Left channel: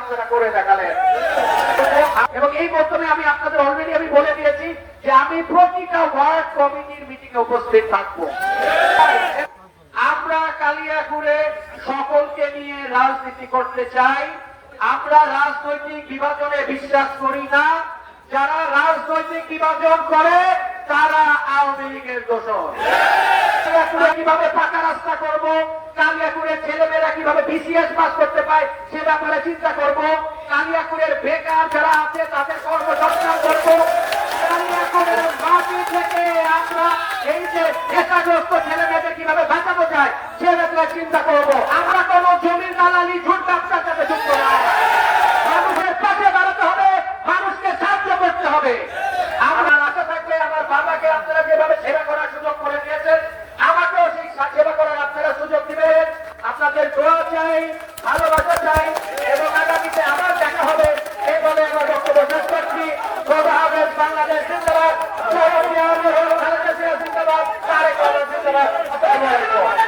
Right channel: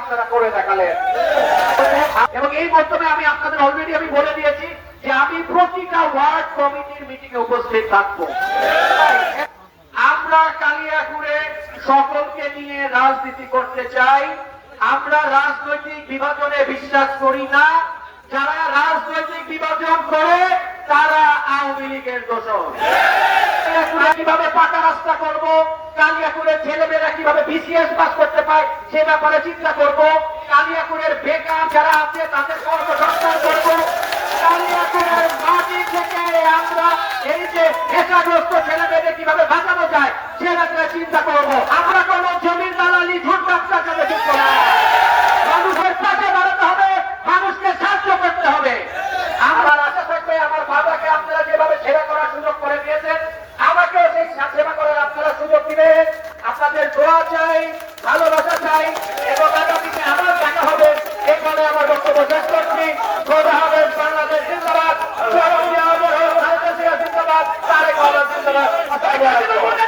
আপনারা করে দেখালেন। এবং এই মধ্যে আমি আপনাদের অলরেডি আমি বলে দিয়েছি যে আমি প্রতিটা ওয়ার্ড কমিটির মিটিং এ উপস্থিত থাকবো। আমরা কালিয়াকুড়ে সকলকে নিয়ে রাজনীতি করতে চাই। আমরা রাজনৈতিক বিভাজনে বিশ্বাস করি না। যারা রাজনৈতিক বিভাজন করে তারা আওয়ামী লীগের দোষর। কালিয়াকুড়ে কিভাবে পাকা রাস্তা করব, কালিয়াকুড়ের ছেলেমেয়েরা কিভাবে বিসিএস পাস করতে পায় সে ব্যাপারে চিন্তা করব। কালিয়াকুড়ের বেকার যারা আছে তাদের কর্মসংস্থান করব। কালিয়াকুড়ের মাটি থেকে আমরা এই যে নেশাগ্রস্ত ছেলেমেয়েদের কিভাবে বাঁচানো যায় সে ব্যাপারে চিন্তা করব। আমরা কোন জমির দালালি ঝুট ব্যবসার সাথে যুক্ত না। মানুষের পাশে দাঁড়াতে হবে, মানুষকে সাহায্য করতে হবে। আমার আশা থাকবে আমার বাবাকে আপনারা যেভাবে সেবা করার সুযোগ করে দিয়েছেন আমাকেও সেই সেবা করার আপনারা সুযোগ দিবেন। আপনাদের দোয়া চাই, ভালোবাসা চাই এবং আগামীতে আবার দেখা হবে এই বলে আমার বক্তব্য শেষ করছি। বাংলাদেশ জিন্দাবাদ, জিন্দাবাদ, তারেক রহমান জিন্দাবাদ।